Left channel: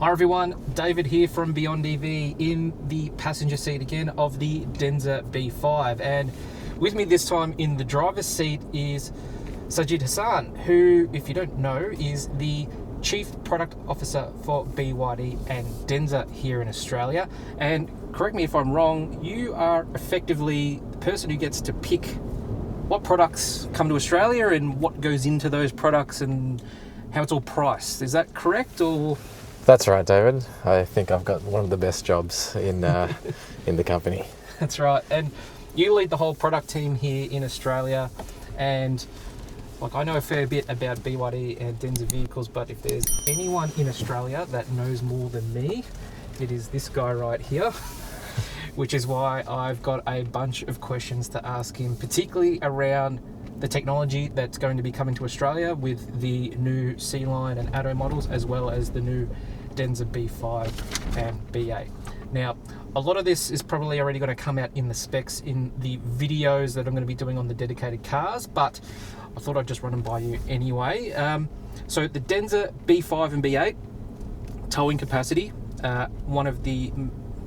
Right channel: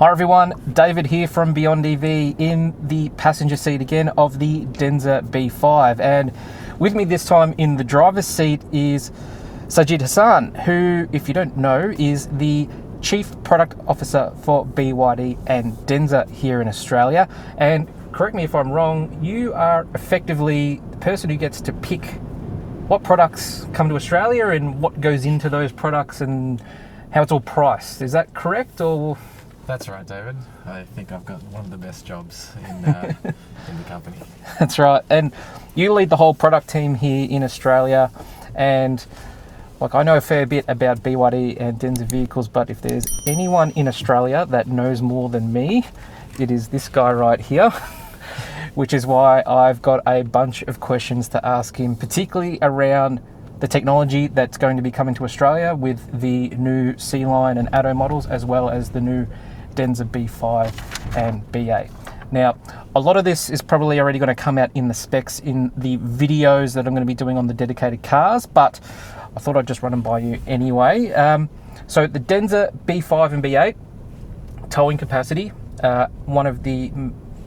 Hi everyone, David here from Beyond EV in the passenger seat again of the Denza B5, and with me this time in the driver's seat is Sajid Hasan, who, if you don't know, is the Chief Product Officer for BYD and Denza here in Australia. And correct me if I'm wrong, you are effectively the person who gets to pick what products come to Australia and what goes into those products and how it's all priced. Is that correct, or...? That's right, David. I think I've got one of the best jobs in in the company. That's right. And you lead the whole product team here in Australia. And like, I know a fair bit about BYD and Denza vehicles, but if there's anyone in Australia that knows more than me, it is this guy right here, which is why I've got a bunch of questions to ask him, particularly around the technology that's going to be coming to Australia with the new Sealion and Atto models, as well as the new Denza B5 and B8. Now, a lot of this is probably already going to come out in the specs in the videos that I'm going to be doing on the dedicated cars, but I thought I'd just run them by you anyway. So the Denza B5 and B8, towing capacity, one of the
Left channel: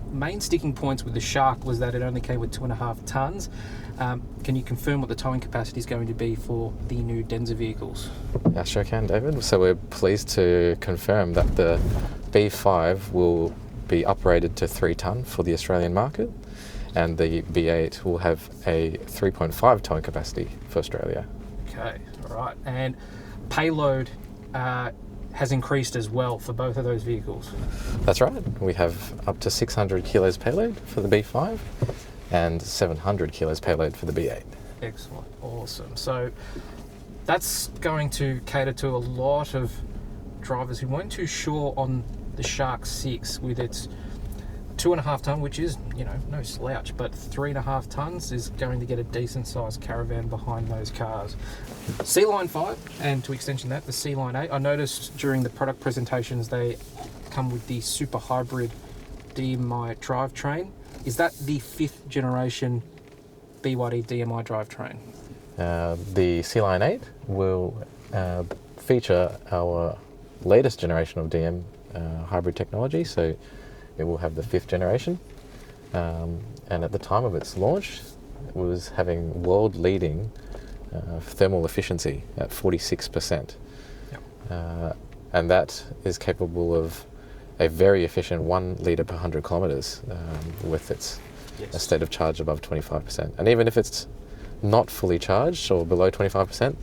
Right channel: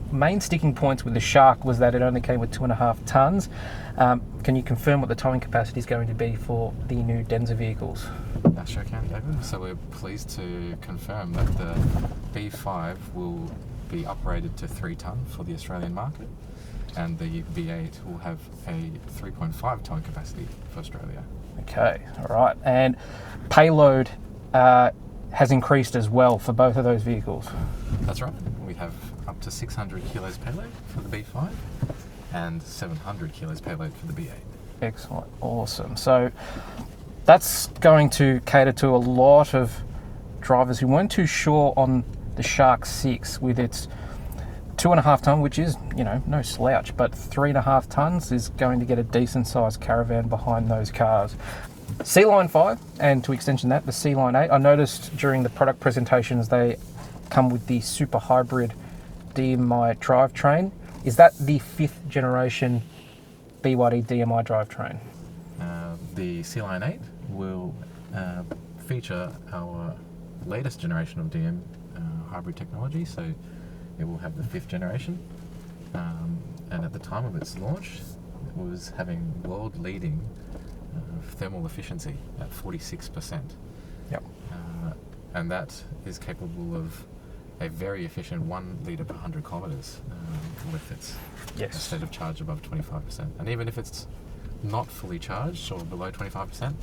main sticking points with the Shark was that it only came with 2.5 tons. Can you confirm what the towing capacity is going to be for the new Denza vehicles? I sure can, David. So we're pleased to confirm that the B5 will be uprated to 3 tonne for the Australian market, and the B8 will have a 3.5 towing capacity for Australia. Okay, all right. And payload has increased as well for both of those vehicles. That's right. We have up to 600 kilos payload for the B5 and 700 kilos payload for the B8. Excellent, awesome. So that's going to cater to a lot of drivers who weren't too sure on the Shark 6 with its 2.5 tonne, which is, you know, no slouch, but 3.5 tonnes is going to get a decent sized caravan behind those cars. Sealion 5, and to extension that, the Sealion 8, I noticed during the product presentations they come with the super hybrid DMI drivetrain. Is that the 5th generation BYD DMI drivetrain? The Sealion 8 will feature our latest generation of DM hybrid technology, so it will have the 5th generation. And at the time of its launch, it was having world-leading thermal efficiency at 46%. Yep. And that is capable of a very efficient 1 litre per 100 kilometres with its a state of charge above 25%. And even if it's not fully charged or below 25%,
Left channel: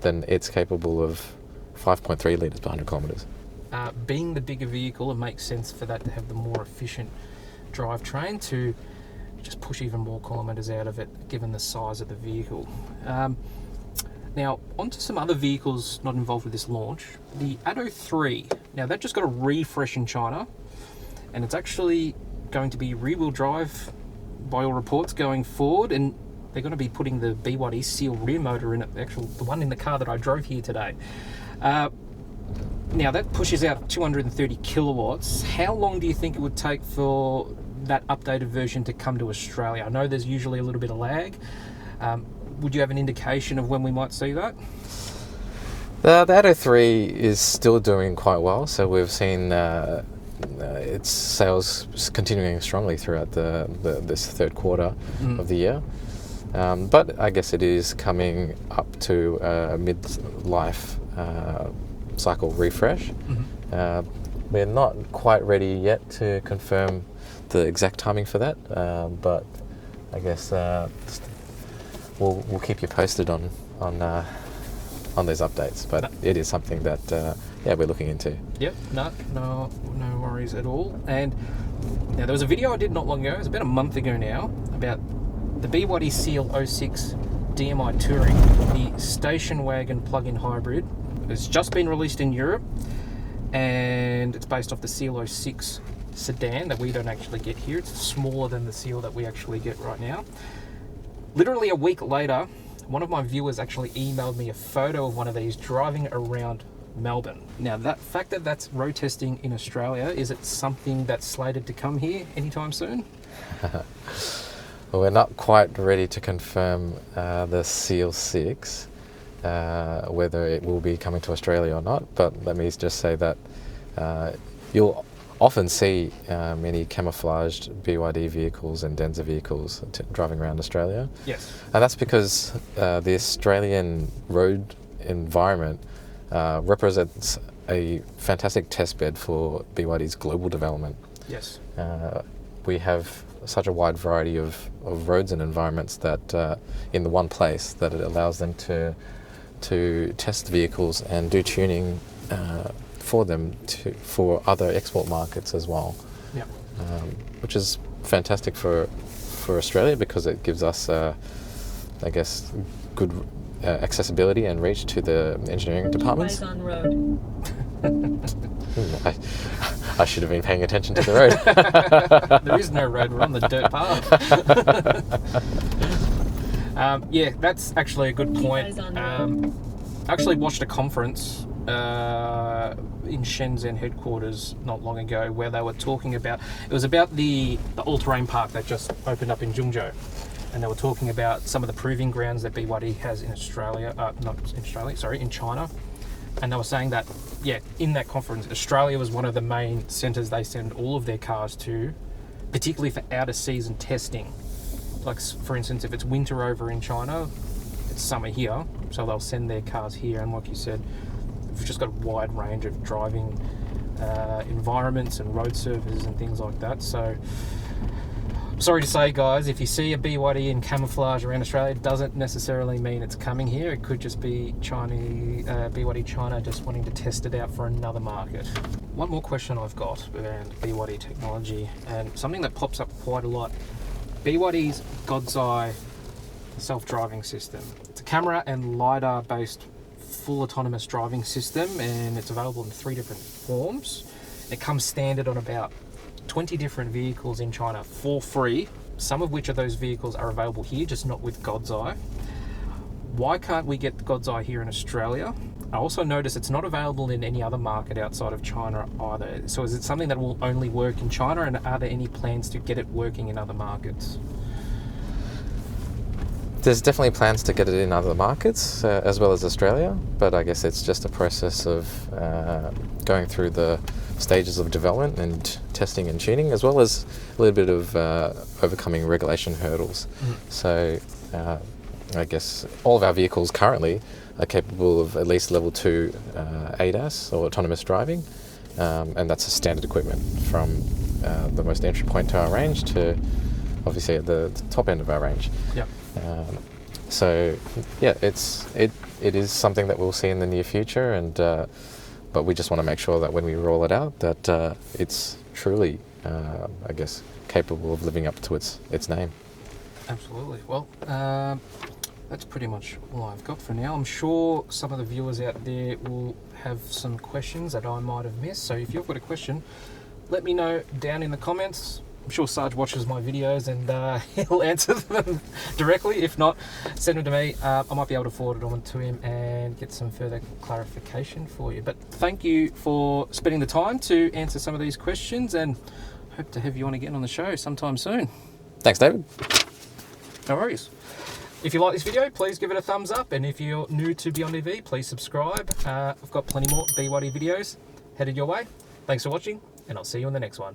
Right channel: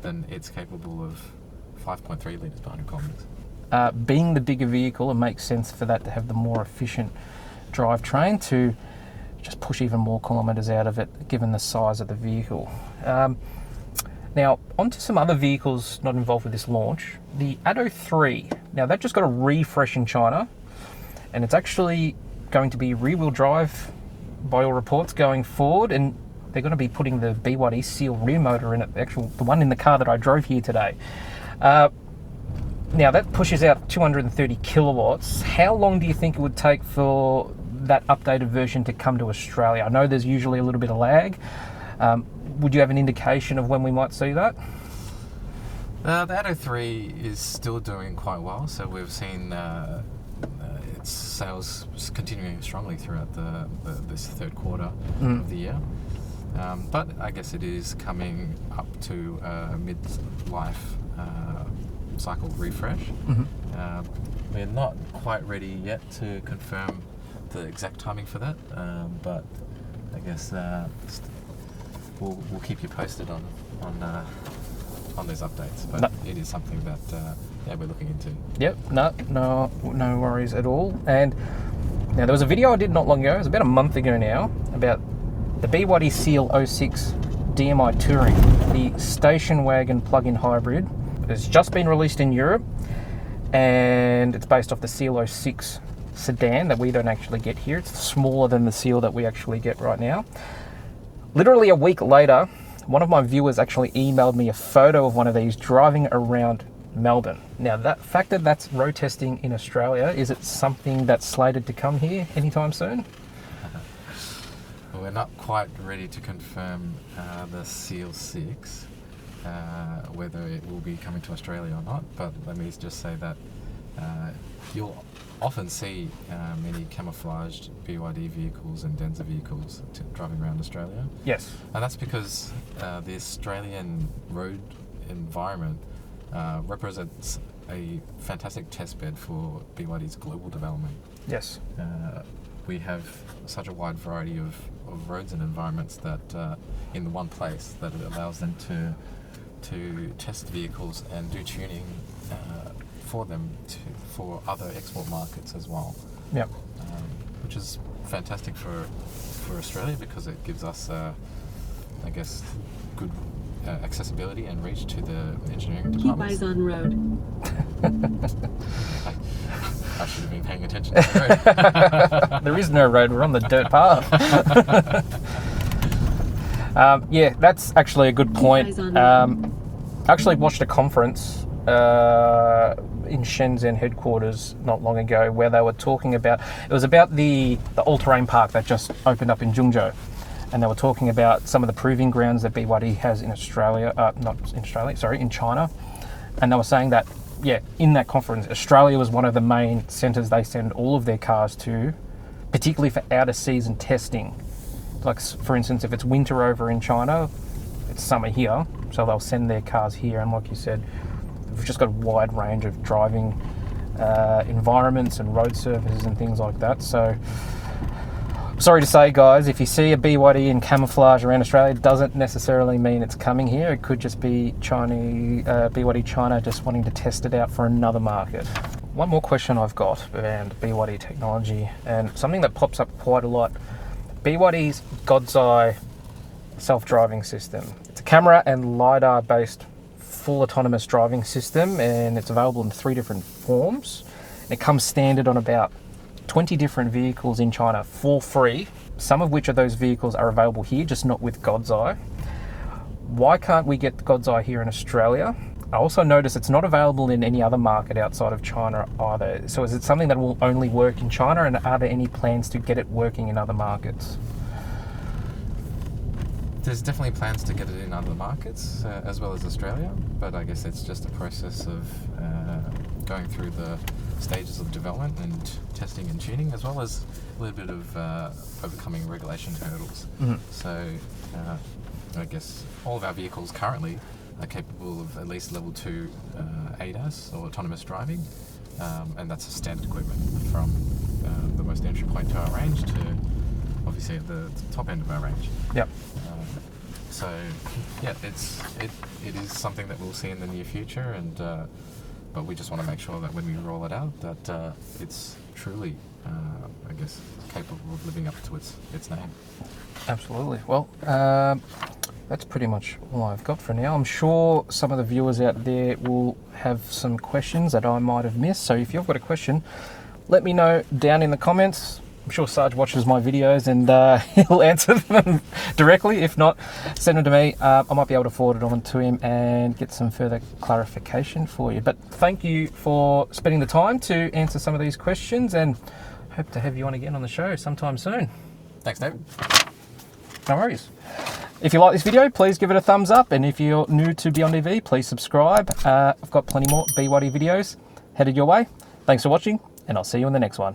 then it's capable of 5.3 litres per 100 kilometres. Being the bigger vehicle, it makes sense for that to have the more efficient drivetrain to just push even more kilometres out of it, given the size of the vehicle. Now, onto some other vehicles not involved with this launch. The Atto 3. Now, that just got a refresh in China, and it's actually going to be rear-wheel drive by all reports going forward, and they're going to be putting the BYD Seal rear motor in it, the one in the car that I drove here today. Now, that pushes out 230 kilowatts. How long do you think it would take for that updated version to come to Australia? I know there's usually a little bit of lag. Would you have an indication of when we might see that? The Atto 3 is still doing quite well, so we've seen its sales continuing strongly throughout this third quarter of the year. But I guess it is coming up to a mid-life cycle refresh. We're not quite ready yet to confirm the exact timing for that, but I guess we'll keep you posted on those updates. But it is something that we're looking into. Yep, no worries at all. And now there was a video I did not long ago, it was about a month ago now, about the BYD Seal 06 DMI Touring, the station wagon plug-in hybrid. It's just been released in Europe, and it's based off the Seal 06 sedan that we don't actually get here. It's smaller than the Seal that we actually get right now. Literally a week later, one of my viewers actually emailed me a photo of one of these driving around Melbourne. Now, that fact that that's road testing in Australia, is it something that's slated to come here anytime soon? Well, we're not quite ready to confirm the Seal 6, whether it will be coming to Australia or not, but let me just say that you'll often see many camouflaged BYD vehicles and Denza vehicles driving around Australia. Yes. And that's because the Australian road environment represents a fantastic testbed for BYD's global development. Yes. We have such a wide variety of roads and environments that in the one place that it allows them to test vehicles and do tuning for them for other export markets as well. Yep. Which is fantastic for Australia because it gives us, I guess, good accessibility and reach to the engineering departments. Wagon road. I should have been paying attention to the road. There is no road, we're on the dirt path. Yeah, that's actually a good point. I actually watched a conference in Shenzhen headquarters not long ago where they were talking about, it was about the all-terrain park that just opened up in Zhengzhou. And they were talking about some of the proving grounds that BYD has in Australia, in China. And they were saying that, yeah, in that conference, Australia was one of the main centres they send all of their cars to, particularly for out of season testing. Like, for instance, if it's winter over in China, it's summer here, so they'll send their cars here. And like you said, we've just got a wide range of driving environments and road surfaces and things like that. So, sorry to say, guys, if you see a BYD in camouflage around Australia, it doesn't necessarily mean it's coming here. It could just be BYD China just wanting to test it out for another market. One more question I've got around BYD technology, and something that pops up quite a lot. BYD's God's Eye self-driving system. It's a camera and LiDAR based full autonomous driving system, and it's available in 3 different forms. It comes standard on about 20 different vehicles in China for free, some of which of those vehicles are available here, just not with God's Eye. Why can't we get God's Eye here in Australia? I also notice it's not available in any other market outside of China either. So is it something that will only work in China, and are there any plans to get it working in other markets? There's definitely plans to get it in other markets as well as Australia, but I guess it's just a process of going through the stages of development and testing and tuning, as well as a little bit of overcoming regulation hurdles. Mm-hmm. So I guess all of our vehicles currently are capable of at least level 2 ADAS or autonomous driving, and that's a standard equipment from the most entry point to our range to obviously at the top end of our range. Yep. So yeah, it is something that we'll see in the near future, and but we just want to make sure that when we roll it out, that it's truly, I guess, capable of living up to its name. Absolutely. Well, that's pretty much all I've got for now. I'm sure some of the viewers out there will have some questions that I might have missed. So if you've got a question, let me know down in the comments. I'm sure Saj watches my videos and he'll answer them directly. If not, send them to me. I might be able to forward it on to him and get some further clarification for you. But thank you for spending the time to answer some of these questions, and hope to have you on again on the show sometime soon. Thanks, David. No worries. If you like this video, please give it a thumbs up, and if you're new to Beyond EV, please subscribe. I've got plenty more BYD videos headed your way. Thanks for watching, and I'll see you in the next one.